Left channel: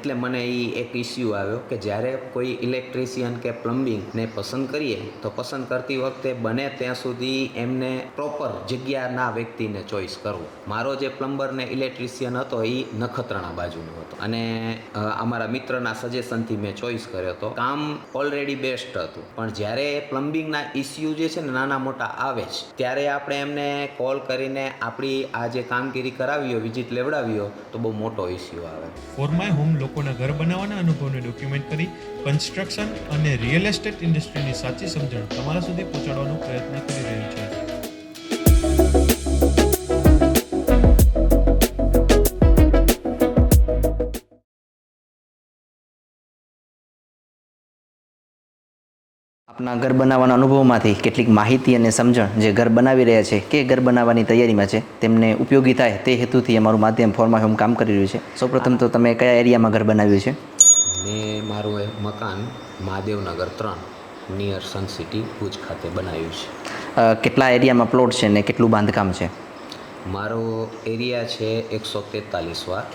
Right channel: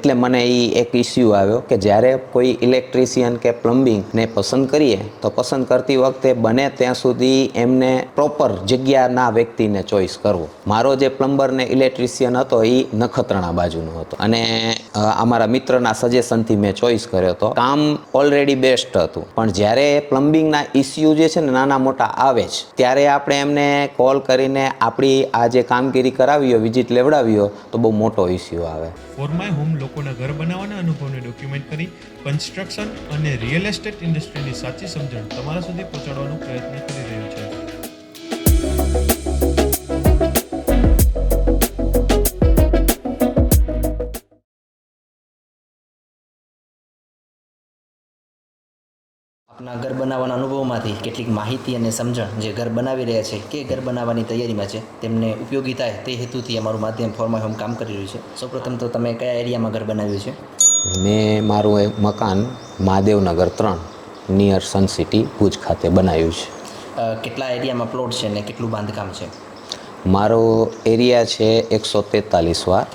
એટલે મને એ એક ઇસ્યુ આવ્યો કે જ્યારે કોઈ ઇલેક્ટ્રિશિયન કે પ્લમ્બિંગ ને પસંદ કરીએ, તો પસંદ કરતી વખતે બને ત્યાં સુધી એમને પ્રોપર જગ્યાના વ્યક્તિને ચોઈસ કરવો. મારો જે પ્લમ્બર ને ઇલેક્ટ્રિશિયન હતો એ નખત્રાણા બાજુનો હતો. અને અમારા મિત્રના સજેશનથી મેં ચોઈસ કર્યો હતો. કામ ઓલરેડી બેસ્ટ હતું. પણ જ્યારે પ્લમ્બિંગના ઇસ્યુ જે છે ને, નાના મોટા આવે જ, ત્યારે આપણે એમને કોલ કરીને આપણી આ જે કામગીરી કરાવી હોય વિઝિટ લેવડાવી હોય તો બહુ મોટો ઇસ્યુ આવે. ફોર માય હોમ લોકોના ઘર બનાવવાના અનુભવને ડોક્યુમેન્ટ કરી કન્સ્ટ્રક્શન અને રિયલ એસ્ટેટ ઇન્ડસ્ટ્રીની સાચી સમજણ તમારા સુધી પહોંચાડવાનો પ્રયત્ન કરી રહ્યું છે. આપના ઘર બનાવવાના અનુભવમાંથી કેટલીક માહિતી અને સમજણ જે ઘર બનાવી રહ્યા છે કે ઘર બનાવવાની તૈયારીમાં છે તેમને ઉપયોગી થાય તે હેતુથી અમારું માધ્યમ ફોર્મા હોમ કામ કરી રહ્યું છે. સૌપ્રથમ તો તમે કયા એરિયામાં ઘર બનાવ્યું છે? મેં મારું એક મકાન મહાદેવનગર ત્રણ નિયર સન સિટી ભુજ ખાતે બનાવ્યું છે. કેટલા એરિયામાં પ્લોટ છે ને કેટલું બાંધકામ છે? મારો એરિયા છે એકસો તેતાલીસ વાર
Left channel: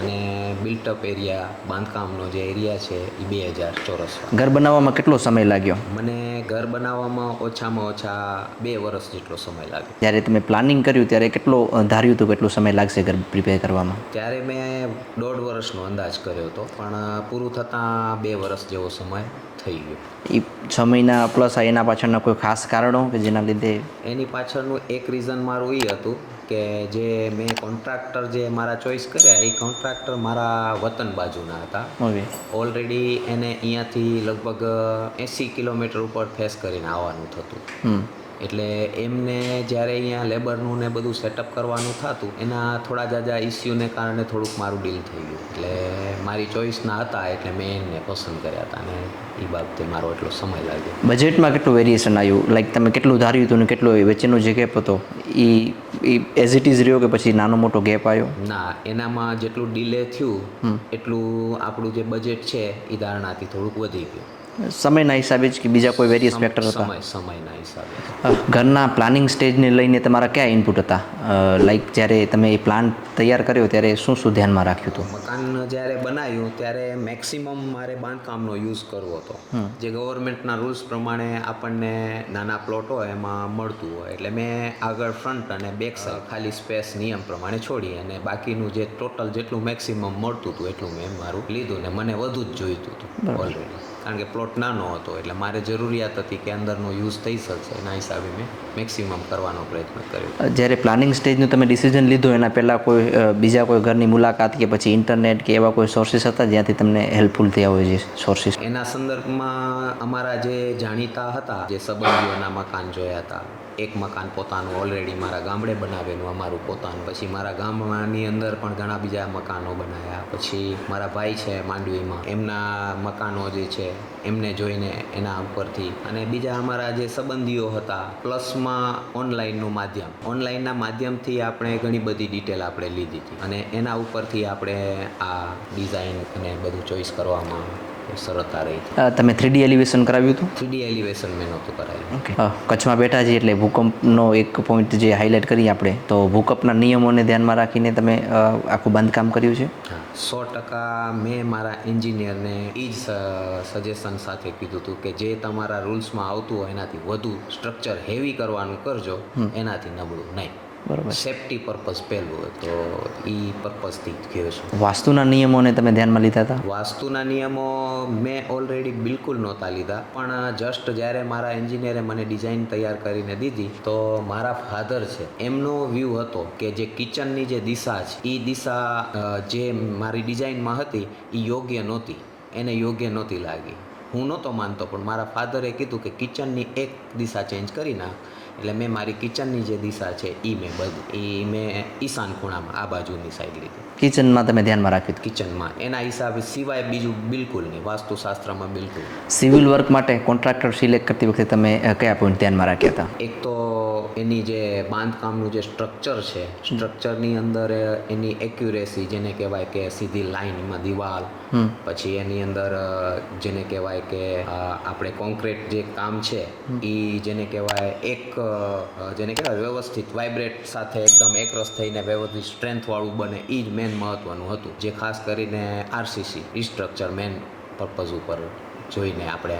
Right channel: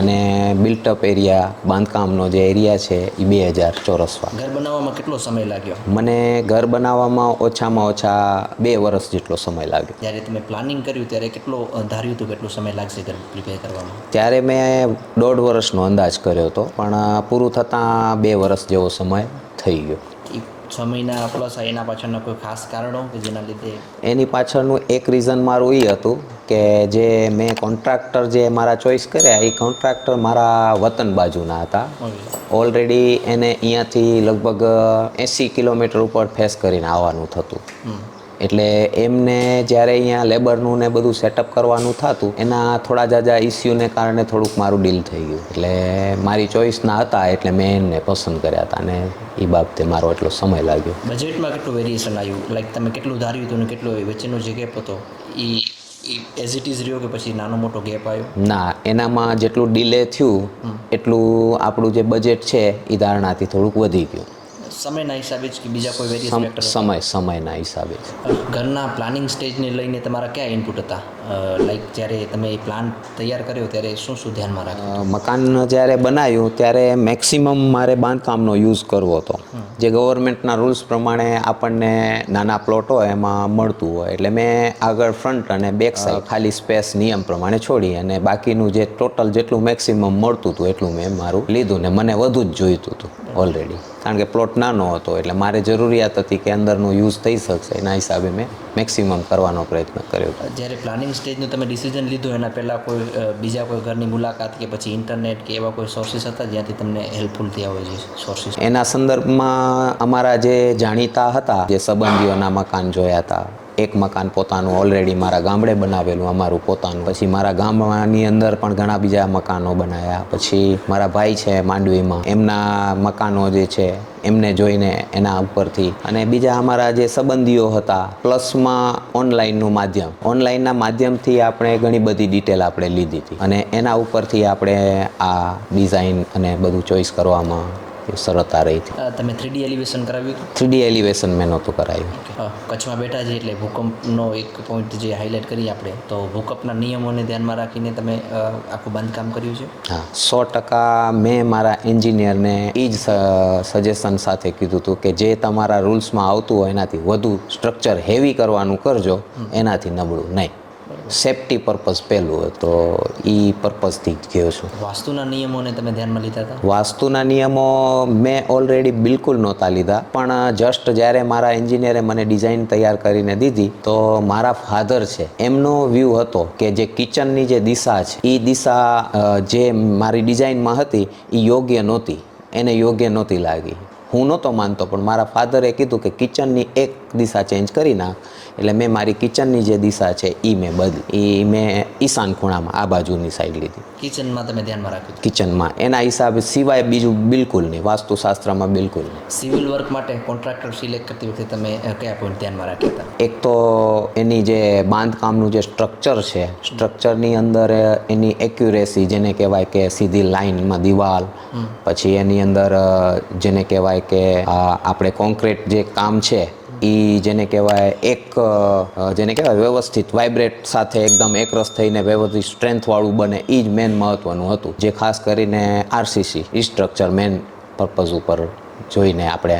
અને બિલ્ટઅપ એરિયા બાંધકામનો જે એરિયા છે એ બે હજાર ચોરસ વાર ઘર બનાવવામાં કેટલો સમય લાગ્યો? મને ઘર બનાવવામાં ઓછામાં ઓછા બે વર્ષ જેટલો સમય લાગ્યો. જ્યારે તમે પ્લાનિંગ કર્યું ત્યારે કેટલો ધાર્યું હતું કેટલો સમય લાગશે ઘર પ્રિપેર કરવામાં? ત્યારે મેં દોઢ વર્ષનો અંદાજ કર્યો હતો પણ પૂરું થતાં બે વર્ષ જેવો સમય થઈ ગયો. એ છ મહિના પ્લસ એના પાછળના કોઈ ખાસ કારણો કે જેના લીધે? એની પાછળનું એક રીઝન મારું એ હતું કે જે મેં કોન્ટ્રાક્ટર જે મારા ચોઈસ કર્યા એ કોન્ટ્રાક્ટર મારા વતન બાજુના હતા. ઓલરેડી એને અહીંયાથી લગભગ એંસી કિલોમીટર ઉપર ફેસ કરીને આવવાનું થતું. એટલે એમને જ્યારે અહીંયા લેબરનું ને બધું સેટઅપ કરવાનું થતું એના થોડા જાજા ઇસ્યુને કારણે થોડુંક મારું ડીલ થઈ ગયું. એટલે મારી ચોઈસના હતા એટલે મેં એમને પસંદ કર્યા હતા અને એ બાબતે મારો એટલો સમય લાગ્યો. બજેટમાં કેટલું વેરિએશન આવ્યું? લાઈક તમે કેટલું ધાર્યું હતું ને કેટલો એ વચ્ચેનો જે ગેપ હતો એ એઝ ઇટ ઇઝ રહ્યો કે પછી નાનો મોટો ગેપ આવ્યો? ના એનામાં જેટલું ડીલે થયું એટલું આપણું જે બજેટ છે એ ધારણાથી થોડુંક વધી ગયું. સમયના હિસાબે જ કે બીજા કોઈ વેરિયસ ફેક્ટર સમય સમયના હિસાબે ઘરના પ્લાનિંગ સ્ટેજને લઈને તમારા કયા ઇનપુટ હતા? લાઈક જ્યારે તમે એ પ્લાન તૈયાર કર્યો ત્યારે શું શું ધ્યાનમાં રાખ્યું હતું? મકાન જ્યારે બનાવ્યું ત્યારે મેક્સિમમ મારે બાંધકામનો યુઝ કરવો હતો. જે ગવર્મેન્ટના રૂલ્સ પ્રમાણે આપણને નાના પ્લોટ એમાં મળતું હોય. એટલે મેં આગળ ફ્રન્ટ અને બેક સાઈડ ખાલી સ્પેસ નિયમ પ્રમાણે છોડી અને બાકીનું જે ટોટલ જેટલું મેક્સિમમ મળતું હતું એટલું મેં મારું લીધું ને મને વધુ જ જોઈતું હતું ઓલરેડી કારણ કે પ્લોટ નાનો હતો એટલે મારે જરૂરિયાત હતી કે અંદરનું યુઝ થઈ શકશે. એના હિસાબે મેં મેક્સિમમ કરવાનો પ્રયત્ન કર્યો. જ્યારે પ્લાનિંગ સ્ટેજનું તમે ડિસિઝન લીધું એના પહેલાં કોઈ બીજા કોઈ ઘરની મુલાકાત કે પછી ઇન્ટરનેટ કે એવા કોઈ સોર્સિસ હતા જ્યાંથી તમને હેલ્પફુલ થયા હોય છે સોર્સિસ એના સંદર્ભમાં અમારા જે જાણીતા હતા જે સંબંધીઓના મકાન જોયા હતા એક મકાન પોતાનું ઓલરેડી મારા ગામડે બનાવેલું, અમારું પોતાનું. પછી મારા ગામની અંદર પણ ઘણા બીજા મકાનો બનાવ્યા પછી મારા ભાઈ છે માંડવીમાં. એમના મકાનો જે છે, એમને જોઈને એના ઉપરથી. અને બીજા અમારા જે સંબંધીઓ હતા, પ્લસમાં ઓનલાઈનનું માધ્યમ. ઓનલાઈનના માધ્યમથી આપણે ઘણી બધી ડિટેલ આપણે લીધી હતી. અને એના ઉપરથી આપણે આ ડિઝાઇન અને બધું ચોઈસ કરવામાં સરળતા રહી હતી. તમે થ્રીડી એલિવેશન કરાવ્યું હતું? થ્રીડી એલિવેશન મેં નહોતું કરાવ્યું. કચ્છમાં બેઠા છીએ એટલે ભૂકંપનો એક પોઈન્ટ જે હાઇલાઇટ કરીએ આપણે તો ભૂકંપના નિયમોને ધ્યાનમાં રાખીને તમે આખું બાંધકામ કર્યું છે? હા સો ટકા મેં મારા એન્જિનિયરને એ જ સજેશન સાથે કીધું હતું કે જે તમારા રૂલ્સમાં આવતું હોય એનાથી વધુ સ્ટ્રક્ચર હેવી કરવાનું કરજો એનાથી નબળું નહીં. સેફટી પર્પઝ પહેલું તો એ પર્પઝથી જ ગયો છું. વાસ્તુના નિયમોને તમે ધ્યાનમાં લીધા હતા? વાસ્તુના નિયમો મેં ઓલરેડી બિલકુલ નહોતા લીધા. પણ જસ્ટ જ્યારે મારા એન્જિનિયરે મને ડિઝાઇન તૈયાર કરીને દીધી તો મારા ફાધર છે એમનો વ્યૂ હતો કે જે કિચનની જે દિશા છે એ દિશા જે મારી ડિઝાઇનમાં હતી એ યોગ્ય નહોતી. એને યોગ્ય નહોતી લાગી. હું નહોતો માનતો પણ મારા ફાધરે કીધું કે કિચનની એક દિશા ચેન્જ કરી નાખ એટલે મેં મારી કિચનની જે દિશા છે એ મેં બદલી. એ મેં ઈશાન ખૂણામાં આ બાજુની સાઈડ લીધી. કિચનમાં તમે ધ્યાનમાં રાખ્યું કિચનમાં. એના હિસાબે સિવાય બીજું બિલકુલ નહીં વાસ્તુશાસ્ત્રમાં બિલકુલ સિવિલ વર્ક માટે કોન્ટ્રાક્ટર સિલેક્ટ કરતી વખતે તમે કયા પોઈન્ટ ધ્યાનમાં રાખ્યા હતા? એક તો એની જે બાંધકામનું જે સ્ટ્રક્ચર છે સ્ટ્રક્ચરની અંદર એની એક્યુરેસી જેને કહેવાય કે સીધી લાઈનમાં દિવાલ પછી એની અંદર જેને કહેવાય કે આપણે કોન્ક્રીટ જે કામ છે એ જેને કહેવાય એક જેને કહેવાય વ્યવસ્થિત વાઇબ્રેટ સાથે એકદમ એકરસ થઈને વ્યવસ્થિત સ્ટ્રેન્થવાળું બને એ જ મેન મહત્ત્વનું હતું. જે ખાસ કરીને આરસીસી સ્ટ્રક્ચર મેન પર્પઝ ઉપર જોઈને આપણે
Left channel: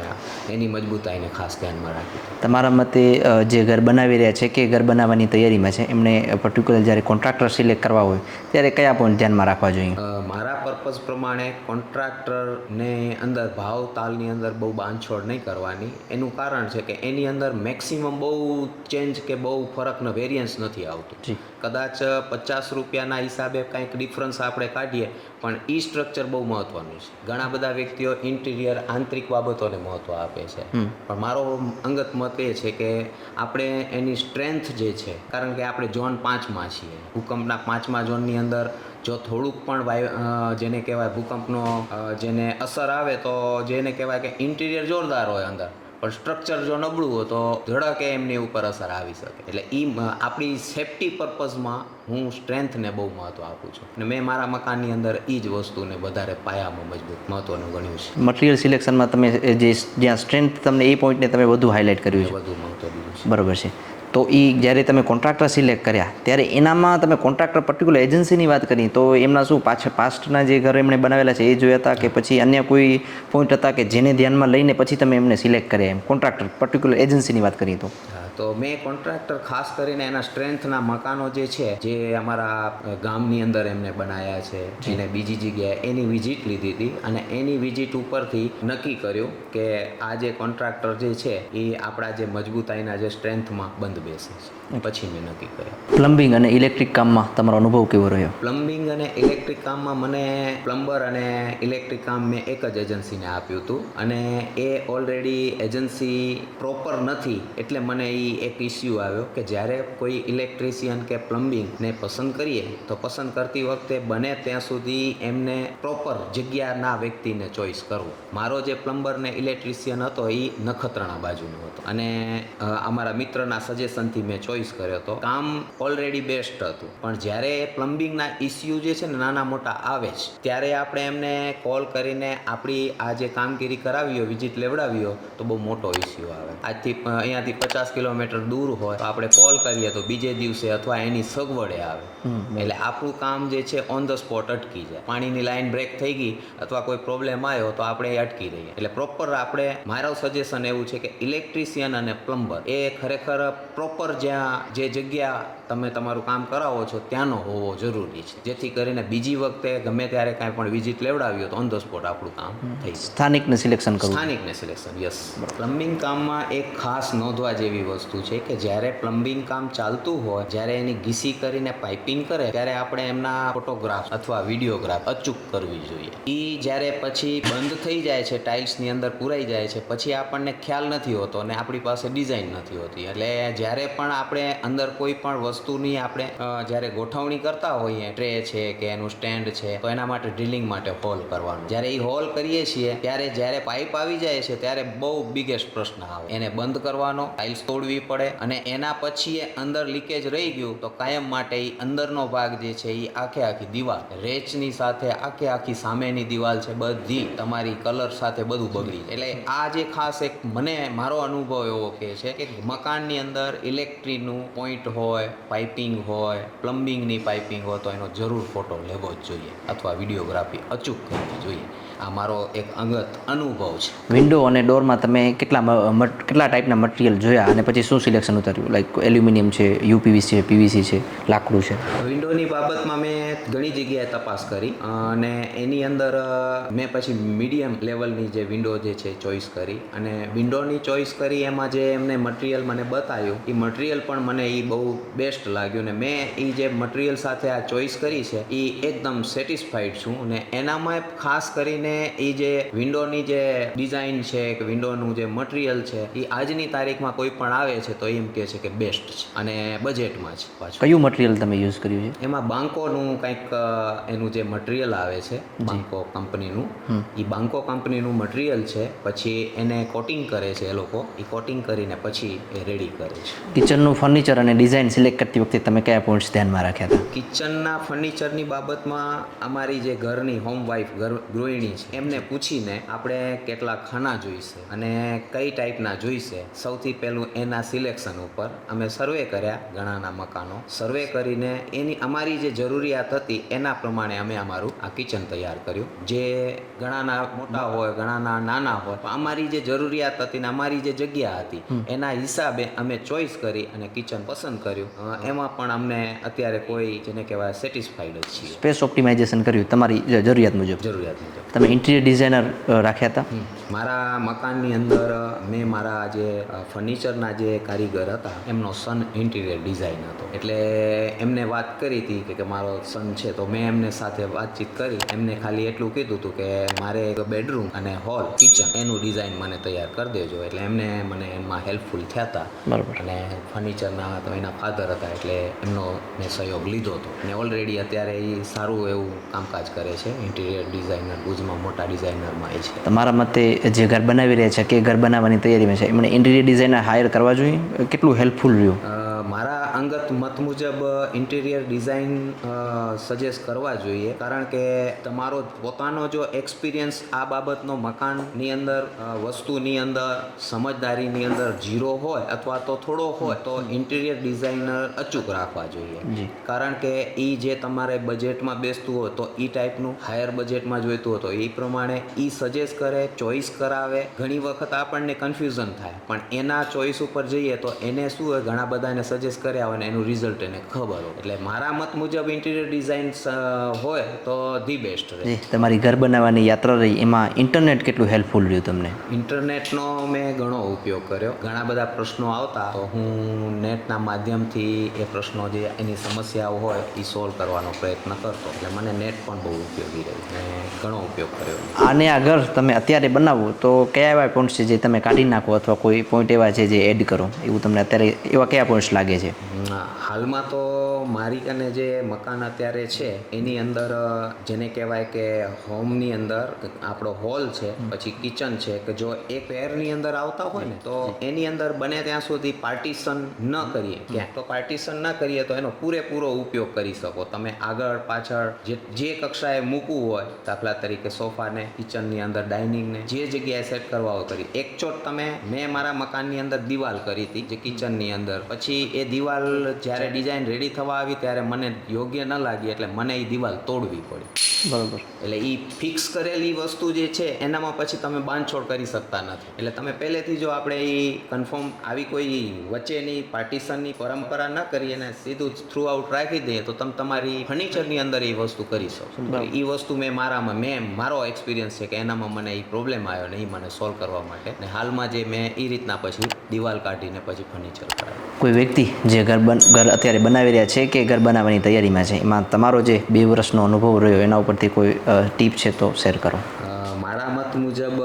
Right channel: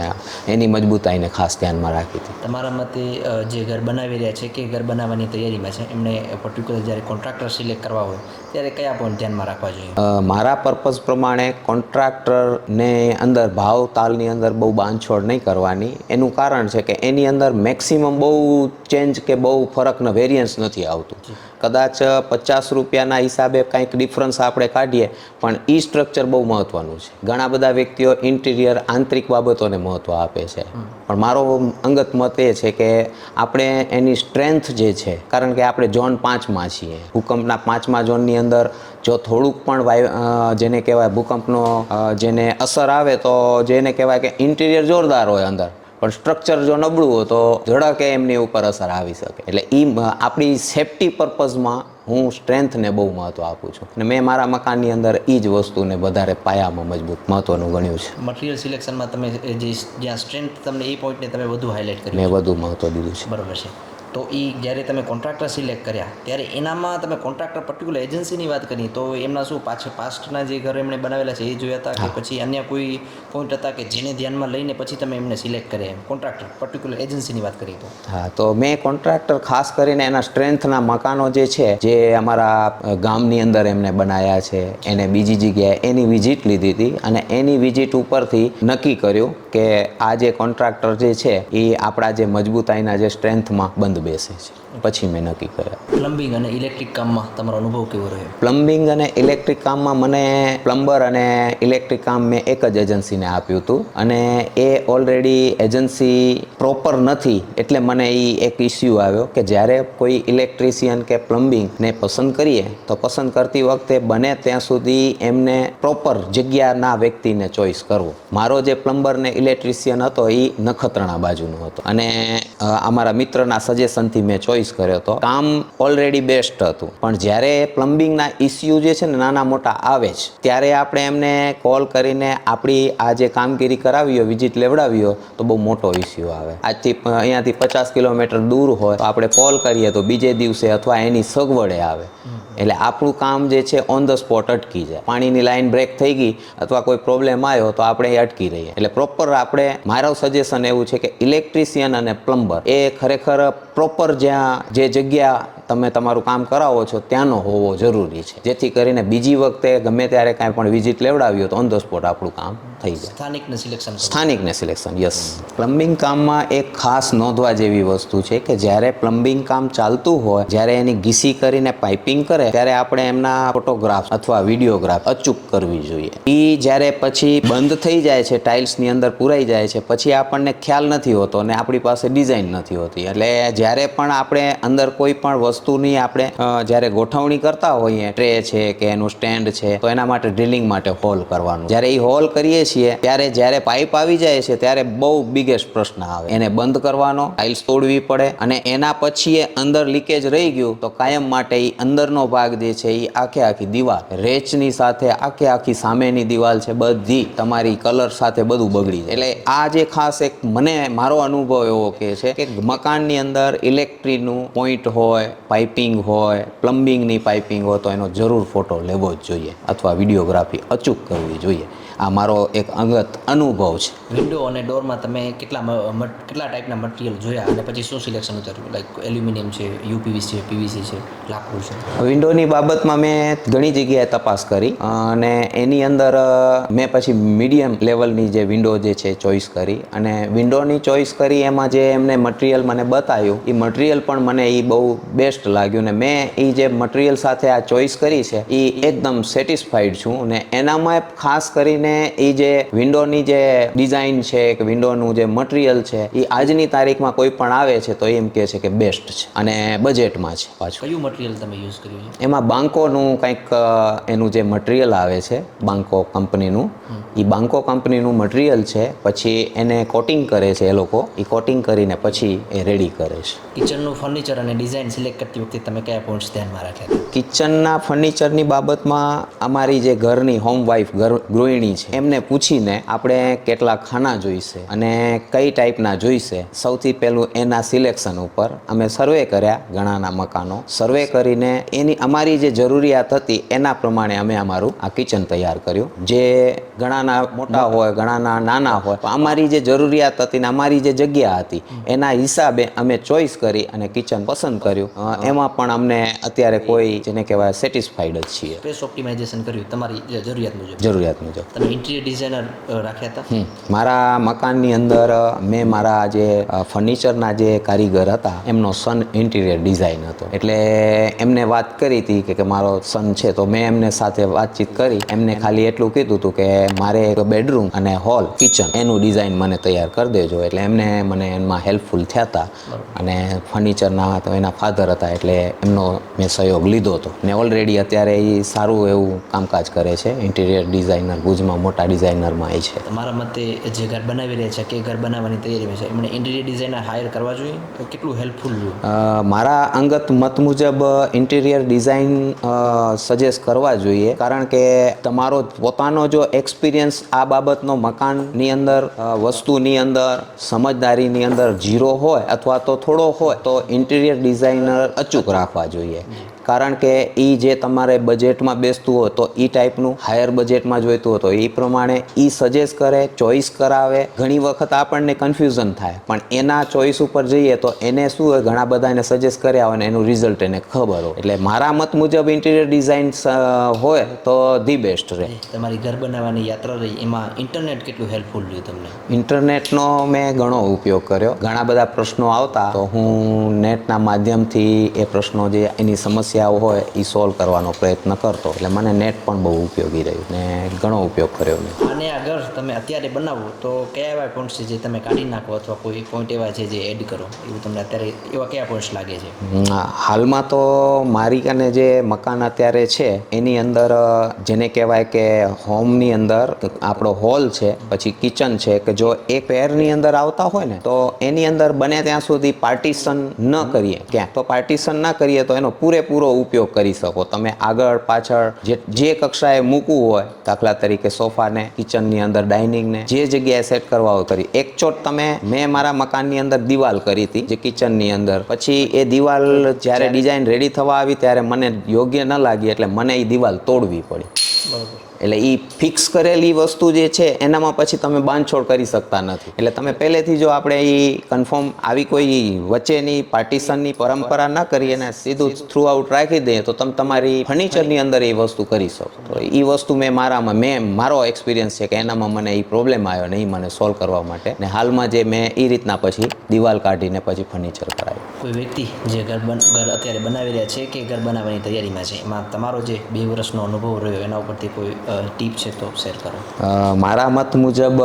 એની મજબૂતાઈને ખાસ ધ્યાનમાં રાખી હતી. તમારા મતે જે ઘર બનાવી રહ્યા છે કે ઘર બનાવવાની તૈયારીમાં છે? એમને પર્ટિક્યુલર જ્યારે કોન્ટ્રાક્ટર સિલેક્ટ કરવા હોય ત્યારે કયા પોઈન્ટ ધ્યાનમાં રાખવા જોઈએ? મારા પર્પઝ પ્રમાણે કોન્ટ્રાક્ટરને અંદર ભાવ તાલની અંદર બહુ બાંધછોડ નહીં કરવાની. એનું કારણ છે કે એની અંદર મેક્સિમમ બહુ ચેન્જ કે બહુ ફરકનો વેરિયન્સ નથી આવતું. કદાચ પચાસ રૂપિયાના હિસાબે કંઈક ડિફરન્સ આપણે કાઢીએ પણ એ સ્ટ્રક્ચર બહુ મહત્ત્વનું છે. ઘણા બધા વ્યક્તિઓ ઇન્ટિરિયર આંતરિક બાબતોને મહત્ત્વ આપે છે. પણ મારો અંગત મત એ છે કે આપણે એની સ્ટ્રેન્થ જે છે કારણ કે આપણે ઝોન પાંચમાં છીએ. ભૂકંપના પાંચમા ઝોનની અંદર જો થોડુંક પણ વાયુ જેને કહેવાય ભૂકંપનો જેને અસર આવે તો જેને કહેવાય કે ઇન્ટિરિયર જોરદાર હોય અંદર. પણ સ્ટ્રક્ચર જો નબળું હોય તો ઝડકે એમની ઉપર અસર આવી શકે. એટલે એ આપણી સેફટી પર્પઝમાં હું સ્ટ્રેન્થને બહુ મહત્ત્વ આપું છું. અને મેં મારા મકાનની અંદર એ જ વસ્તુને વધારે પાયામાં મજબૂત મહત્ત્વનું ગણ્યું છે. મટીરિયલ સિલેક્શનમાં તમે જે જ્યાં સ્ટ્રેન્થ તમને એ પોઈન્ટને તમે વધુ હાઇલાઇટ કર્યું મેં વધુ મહત્ત્વ દીધું છે. બરાબર છે. તો એ જ્યારે તમે કોન્ટ્રાક્ટર સિલેક્ટ કર્યા ત્યારે એનામાં તમે કોન્ટ્રાક્ટર પર્ટિક્યુલર એજન્સીની વાત કરી તો એમના શું પાછળ પાસ્ટના જે ઘર એમણે બનાવેલા છે એ જોયા હતા કે પછી અન્ય કોઈ પોઈન્ટ હતા કે જેને ધ્યાનમાં લઈને પછી તમે એમને સિલેક્ટ કર્યા એમ? કોન્ટ્રાક્ટર પર્ટિક્યુલર એજન્સીની વાત કરીએ તો. હા તો મેં કોન્ટ્રાક્ટર ખાસ કરીને એના સ્ટ્રેન્થના મકાનો જે છે જે અમારા ગામની અંદર એમને બનાવ્યા છે એને બીજી જગ્યાએ એની વિઝિટ લીધી હતી અને એની વિઝિટ ઉપરથી નક્કી કર્યું કે આ જે કોન્ટ્રાક્ટર જે છે એ આપણા જે મજબૂતાઈના જે સ્ટ્રેન્થમાં બંધ બેસે છે. પછી મેં નક્કી કર્યા. પ્લમ્બિંગ અને ઇલેક્ટ્રિક કામમાં તમારો અનુભવ કેવો રહ્યો? પ્લમ્બિંગ અને ઇલેક્ટ્રિક કામમાં મને પ્લમ્બર અને ઇલેક્ટ્રિક કામ મેં એક જ એજન્સીને આપ્યું હતું. અને એ ઓલરેડી એજન્સી પ્રોપર નથી એટલે મને એ એક ઇસ્યુ આવ્યો કે જ્યારે કોઈ ઇલેક્ટ્રિશિયન કે પ્લમ્બિંગને પસંદ કરીએ તો પસંદ કરતી વખતે બને ત્યાં સુધી એમને પ્રોપર જગ્યાના વ્યક્તિને ચોઈસ કરવો. મારો જે પ્લમ્બર ને ઇલેક્ટ્રિશિયન હતો એ નખત્રાણા બાજુનો હતો. અને અમારા મિત્રના સજેશનથી મેં ચોઈસ કર્યો હતો. કામ ઓલરેડી બેસ્ટ હતું. પણ જ્યારે પ્લમ્બિંગના ઇસ્યુ જે છે ને નાના મોટા આવે જ ત્યારે આપણે એમને કોલ કરીને આપણી આ જે કામગીરી કરાવી હોય વિઝિટ લેવડાવી હોય તો બહુ મોટો ઇસ્યુ આવે. આજથી અહીંયાથી પચાસ કિલોમીટર દૂર હોય તો આપણે કોલ કરીએ તો બીજે દિવસે અથવા એની સગવડે આવે. એટલે આપણું કામ જે છે ઓન ધ સ્પોટ અટકી જાય. પાણીની લાઈન બ્રેક થઈ ગઈ અથવા કોઈ પ્રોબ્લેમ આવ્યો તો આપણે એ અટકી રહીએ. એટલે પ્રોપર આપણે મારું સજેશન એવું છે કે ઇલેક્ટ્રિશિયન અને પ્લમ્બર એ ખરેખર પ્રોપર જ્યાં જે જગ્યા તમે તમારું કામ કરાવો છો ત્યાંનો હોવો જરૂરી છે. જેથી કરીને બીજી વખતે ગમે ત્યારે કાંઈ પણ વિઝિટ લેવડાવી તો ઓન ધ સ્પોટ આપણું કામ થઈ જાય. સ્થાનિકને સિલેક્શન સ્થાનિકને સિલેક્શન યસ પ્લમ્બિંગ કામમાં એક ખાસ નોંધવા જેવી વસ્તુ છે કે જ્યારે પ્લમ્બિંગ કામ ચાલતું હોય જ્યારે એની ઘીસી કરીને પાઇપિંગ કરે ત્યારે આપણે એમના ફોટોગ્રાફ અથવા વિડીયોગ્રાફ અચૂક કરવી જોઈએ. એ જ્યારે પછી બંધ થઈ જાય છે ટાઇલ્સની અંદર પુરાઈ જાય છે પછી આપણને ખ્યાલ નથી હોતો અને આપણી પાસે ડિઝાઇન નથી હોતી. એટલે જ્યારે પણ આપણે અંદર કોઈ પણ વસ્તુની આપણે જ્યારે ગોઠવણી કરતા હોઈએ, ટ્રે છે કે એનું સ્ટેન્ડ છે, તો એના માટે ડ્રિલિંગ માટે હોલ કરવાનું. જ્યારે એ હોલ કરીએ છીએ, ત્યારે જ્યારે પાઇપ આવી જાય છે, ત્યારે બહુ બિગેસ્ટ પ્રશ્ન આવે. એને બંધ કરવાનો, ટાઇલ્સ તોડવી પડે, અને એના પછી એ અંદર લીકેજ રહી ગયું, તો કાયમ માટે એ અંદરનો ભાગ જે છે એ આખે આખી દિવાલ, રેચની સાથે આખે આખી સામેની દિવાલ છે, બધી તમારી કલર સાથે બધું બગડી જાય. એટલે આ જે ખાસ એક મને, મારો અનુભવ એવો કે છે કે મકાનની અંદર ઇલેક્ટ્રિકનું પોઈન્ટ હોય, પાઇપિંગ હોય, પ્લમ્બિંગની પાઇપિંગ હોય, તો એનો જરૂર ફોટો લેવો જ જોઈએ અથવા વિડીયોગ્રાફી અચૂક કરવી જોઈએ. આ મારો એક અંગત અનુભવ છે. વિન્ડો અને ડોરમાં તમે કેટલા કેટલા ટાઈપના મટીરિયલ જોયા અને પછી શું સિલેક્શન ઉતાર્યું? લાઈક એલ્યુમિનિયમ છે યુપીવીસી છે પીવીસી છે લાકડું છે. વિન્ડોની બાબતમાં મેં ઘણી જગ્યાએ તપાસ કરી અને એની અંદર મેં પછી મીડિયમ લેવલની જે વિન્ડો જે છે ચોઈસ કરી અને વિન્ડોની ચોઈસ કરી એમાં જે એમને મટીરિયલ મને બતાવ્યું એ મટીરિયલ પણ મને એ બહુ બેસ્ટ લાગ્યું ને મેં એ જે મટીરિયલ સાથે આ ચોઈસ કરી છે એ એકદમ સેટિસ્ફાઈડ છું અને એનામાં ખાસ કરીને એ જે વિન્ડોની જે ડિઝાઇન છે કે વિન્ડોનું જે મટીરિયલ છે એ આજની તારીખમાં કોઈ પણ આવે છે તો એમ કહે છે કે બેસ્ટ છે અને બજેટમાં છે પાછું. કયું મટીરિયલ તમે યુઝ કર્યું છે? એમાં બાંકોનું કંઈક એનું જે મટીરિયલ આવે છે બાંકો કંપનીનું એ બાંકો કંપનીનું મટીરિયલ છે પછી એને કોટિંગ કરે છે એ લોકો એ કોટિંગ કરીને પછી એ રેડી કરે છે. કિચનનું ફર્નિચર અને ડિઝાઇન સિલેક્ટ કરતી વખતે તમે કયા પોઈન્ટ્સ ધ્યાનમાં રાખ્યા હતા? કિચનના ફર્નિચરની બાબતમાં અમારી જે ઘરની હોમ વાઇફ ગૃહિણી છે. એમને પૂછીને આપણે કેટલા ખાના જોઈશે અને કઈ ટાઈપના જોઈશે. સૌથી પહેલું એના સિલેક્શન ઉપર અમે સર્વે કર્યા ઘણાના મકાનો. સર્વે કરીને એની અમારી જે જરૂરિયાત હતી એના પ્રમાણે અમે અમારું આ કિચન તૈયાર કર્યું. જે ઘણાના મોટા હોય ઘણાના નાના હોય અમારી જે જરૂરિયાત હતી ને અમારી જે જગ્યા હતી એના હિસાબે અમે ચોઈસ કરી અને કિચન પસંદ કર્યું. એમાં પણ અમને અત્યારે કોઈ જેને કહેવાય સેટિસ્ફાઈડ જ છીએ. સ્પેસ ઓપ્ટિમાઇઝેશન કર્યું તમારી જરૂરિયાત મુજબ. જરૂરિયાત મુજબ. તમે ઇન્ટિરિયર ડિઝાઇનર રાખ્યા હતા? મારા મકાનની અંદર મેં મારા જે ફર્નિચરના જે કારીગર હતા એમનો સન ઇન્ટિરિયર ડિઝાઇન હતો. એટલે એમને વાત કરી હતી કે- મારો સન છે. તો મેં એમને સાથે વાતચીત કરી. એમને ખાલી એટલું કીધું હતું કે મારે એક બેડરૂમ અને હોલ કિચન એનું ડિઝાઇન મને તૈયાર કરી દેજો. એટલે એમને મને એમાં હેલ્પફુલ થયા હતા. બરોબર. અને ફર્નિચરના તો એના ફાધર હતા એટલે એમનો મેં સહયોગ લીધો હતો. ને ઓલરેડી અત્યારે એ સારું એવું કામકાજ કરે છે ઇન્ટિરિયર ડિઝાઇનર ભુજમાં. મોટા ડિઝાઇનરમાં એ છે. તમારા મતે જે ઘર બનાવી રહ્યા છે કે ઘર બનાવવાની તૈયારીમાં છે એમણે ઇન્ટિરિયર ડિઝાઇનર હાયર કરવા જોઈએ? કેટલું હેલ્પફુલ રહ્યું? મારા અંગત મત મુજબ ઇન્ટિરિયર ડિઝાઇન સજેસ્ટ કરવા જોઈએ. કારણ કે તમારો પોતાનો જો એક્સપિરિયન્સ આ બાબતનો મકાનની અંદર વસ્તુની અંદર સમજદારીની અંદર ઝીરો હોય અથવા તો થોડો હોય તો ઇન્ટિરિયર ડિઝાઇનર અચૂક રાખવા જોઈએ. કારણ કે એ જે તમારે બજેટમાં બેસતું હોય તો એ ટાઈપનું હાયર બજેટમાં જોઈતું હોય તો એ પ્રમાણે એ સજેસ્ટ કરે ચોઈસ કરાવે. ઘણી વખત આપણને કન્ફ્યુઝન થાય. પણ એના ચોઈસ ઉપર જઈએ તો એને શું હોય? ઘણા બધા એને સજેસ્ટ કર્યા હોય ને એનું રિઝલ્ટ એને ખબર હોય. એટલે મારા મત મુજબ ઇન્ટિરિયર ડિઝાઇન હોય તો ધી બેસ્ટ રહે. તમારી ઘર બનાવવાની યાત્રા રહી. એમાં ઇન્ટરનેટ કેટલું હેલ્પફુલ રહ્યું તમને? ઇન્ટરનેટનો મેં ઘણો ઉપયોગ કર્યો. ઘણા બધા પ્રશ્નો આવતા તો હું નેટના માધ્યમથી એ પ્રશ્નો જે એની સમસ્યાઓ હોય એ સોલ્વ કરવાનો પ્રયત્ન કરતો. એટલે મને નેટ પણ બહુ ઉપયોગી રહ્યું. ને ઘણો ઉપયોગ કર્યો આને આગળ તમે અત્યારે બનાવો તો કયા એવા પોઈન્ટ્સ છે જે તમે કાઢી નાખો અથવા કોઈ પોઈન્ટ એવા છે જે એડ કરો? એવું તમને અત્યારે એવા કયા પોઈન્ટ્સ લાગે છે? હાલમાં તો મારી કને જે મકાન અત્યારે છે એની અંદર જેને કહેવાય કે હોમની અંદર આપણો હોલ છે પછી કિચન છે કે જો એ પેરની અંદર આવતા હોય ને તો એની અંદર બને ત્યાં સુધી પાર્ટીશન ન કરીએ. ક્યાં? તો પાર્ટીશન ના કરીએ તો એનો પૂરેપૂરો ઉપયોગ કરી શકો. તમે આગળ પાછળ જે જે કક્ષાએ મૂકવું હોય દાખલા તરીકે સોફાને કિચનની અંદર ડાઇનિંગને જે જગ્યાએ સેટ કરવા હોય કરી. એક ચોટ તમે મેં મારા મકાનની અંદર દિવાલ કરી હતી જે કિચનની અંદર. પછી એ દિવાલ જ્યારે ડિઝાઇન રેડી થવા આવી ત્યારે મને યોગ્ય ન લાગી એટલે મને એ દિવાલ તોડવી પડી. બરાબર. એટલે એ ફિક્સ કરેલી વસ્તુ જે છે, એનામાં પછી તમે બાંધછોડ કરી શકતા નથી. એટલે તમે પહેલેથી જો આપણે એ કન્ફર્મ આવી કોઈ વચ્ચેની પાર્ટીશનની પરંપરા ના કરીએ અને સીધું થ્રુ આઉટ રાખી દઈએ, તો તમે, તમારી ફર્નિચરની અંદર એ વસ્તુ કરી શકો. તો એ વસ્તુ મેં મારામાં, મેં, મારો એક્સપિરિયન્સ છે કે એનામાં મને એ પ્રોબ્લેમ આવ્યો ને એ મને સોલ્વ કરવા માટે. ને હાલમાં જે મેં એ રીતના પછી દિવાલ કાઢીને પછી ફર્નિચર કરાવ્યું. કોઈ વ્યક્તિ જે ઘર બન, ઘર અત્યારે બનાવી રહ્યા છે કે ઘર બનાવવાની તૈયારીમાં છે? એમાં તમારો જે બે વર્ષનો અનુભવ રહ્યો, એના ઉપરથી કોઈ ટીપ છે તો શેર કરો. મારા મત મુજબ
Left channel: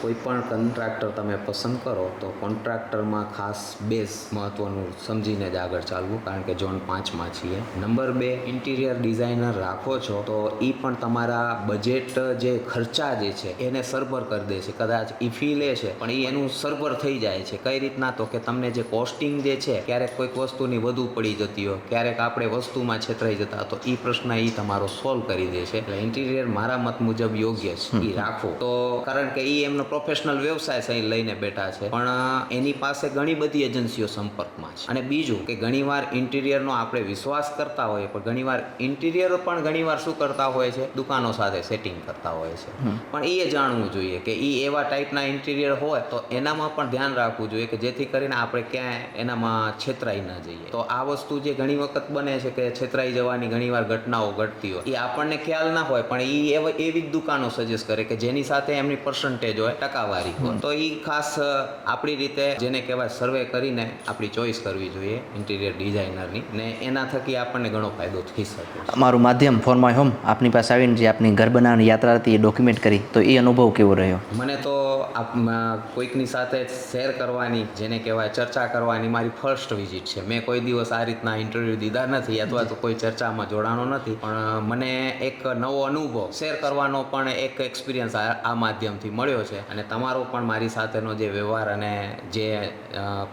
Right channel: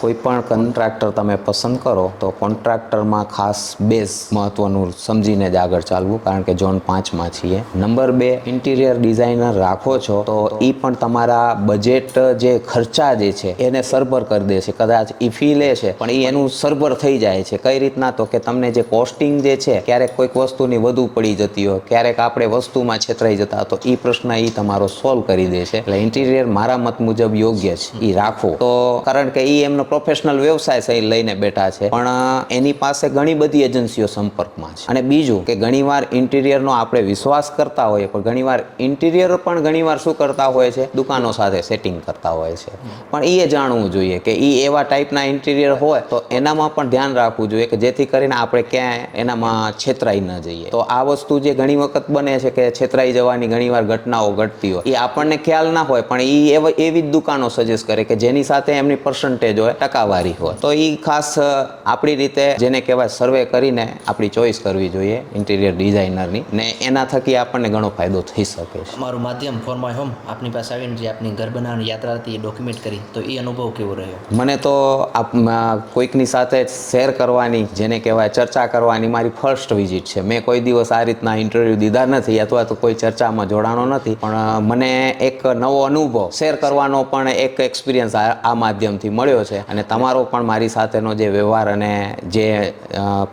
કોઈપણ કોઈ પણ કોન્ટ્રાક્ટર તમે પસંદ કરો, તો કોન્ટ્રાક્ટરમાં ખાસ બેઝ મહત્વનું સમજીને જ આગળ ચાલવું, કારણ કે ઝોન પાંચમાં છીએ. નંબર બે, ઇન્ટિરિયર ડિઝાઇનર રાખો છો, તો એ પણ તમારા બજેટ જે ખર્ચા જે છે, એને સરભર કરી દે છે. કદાચ એ ફી લે છે, પણ એ એનું સરભર થઈ જાય છે. કઈ રીતના? તો કે તમને જે કોસ્ટિંગ જે છે, ક્યારેક કોઈક વસ્તુની વધુ પડી જતી હોય, ક્યારેક આપણે વસ્તુમાં છેતરાઈ જતા, તો એ પ્રશ્ન એ તમારો સોલ્વ કરી દે છે. એટલે ઇન્ટિરિયર મારા મત મુજબ યોગ્ય છે એ રાખો. તો કારણ કે એ એમનો પ્રોફેશનલ વ્યવસાય છે એ લઈને બેઠા છે. પણ એની પાસે ઘણી બધી એજન્સીઓ સંપર્કમાં છે. અને બીજું કે ઘણીવાર ઇન્ટિરિયરનો આપણે વિશ્વાસ કરતા હોઈએ પણ ઘણીવાર ઇન્ટિરિયર પણ ઘણીવાર શું કરતા હોય છે? દુકાનો સાથે સેટિંગ કરતા હોય છે. પણ એ જાણવું જોઈએ કે એ એવા ટાઈપના ઇન્ટિરિયર હોય તો એનામાં પણ ધ્યાન રાખવું જોઈએ કે જેથી કરીને આપણે ક્યાંય એનામાં છેતરાઈ ન જઈએ. તો આ વસ્તુ જે ઘણી વખત બને છે કે છેતરાઈ જવાની ઘણીવાર ઘટનાઓ ઘટતી હોય એ આપણને ખ્યાલ ના હોય પણ એ એવા એવી જ દુકાનો સજેસ્ટ કરે કે જેની સાથે એમની પર્સન્ટેજ હોય ટકાવારી હોય. તો એ ખાસ આપણી રીતે જેને કહેવાય સર્વે કરીને આપણી ચોઈસ કરવી જોઈએ ઇન્ટિરિયર ડિઝાઇનરની ને. એના થકી આપણને ઘણો ફાયદો થઈ શકે છે. અમારું માધ્યમ ફોર માય હોમ આપની પાસે આવીને જે આપની ઘર બનાવવાની યાત્રા હતી એ ડોક્યુમેન્ટ કરી તો એ અનુભવ કેવો રહ્યો? મને તો આપ કોઈકની સાથે શેર કરવાની જેને કહેવાય ચર્ચા કરવાની મારી ફર્સ્ટ વિઝિટ છે. મેં કોઈ દિવસ આ રીતના ઇન્ટરવ્યૂ દીધા નથી અથવા તો કોઈ ચર્ચામાં જોડાણો નથી પણ મને એક નવો અનુભવ અનુભવ શેર કરવાનો પણ એક એક્સપિરિયન્સ આ માધ્યમથી મળ્યો છે. અને તમારો પણ મારી સાથેનો જે વ્યવહાર અને જે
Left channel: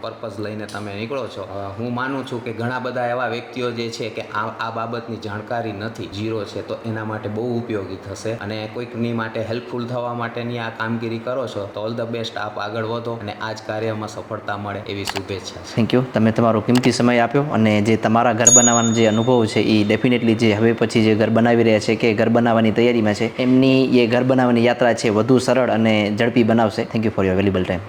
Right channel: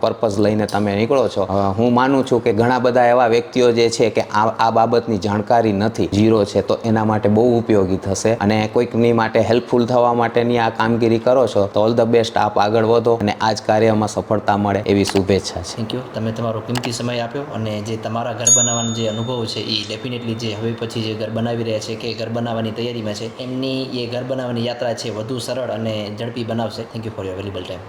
પર્પઝ લઈને તમે નીકળો છો હું માનું છું કે ઘણા બધા એવા વ્યક્તિઓ જે છે કે આ બાબતની જાણકારી નથી જીરો છે તો એના માટે બહુ ઉપયોગી થશે. અને કોઈકની માટે હેલ્પફુલ થવા માટેની આ કામગીરી કરો છો તો ઓલ ધ બેસ્ટ આપ આગળ વધો અને આ જ કાર્યમાં સફળતા મળે એવી શુભેચ્છા થેન્ક યુ તમે તમારો કિંમતી સમય આપ્યો અને જે તમારા ઘર બનાવવાનો જે અનુભવ છે એ ડેફિનેટલી જે હવે પછી જે ઘર બનાવી રહ્યા છે કે ઘર તૈયારીમાં છે. એમની એ ઘર બનાવવાની યાત્રા છે, વધુ સરળ અને ઝડપી બનાવશે. Thank you for your valuable time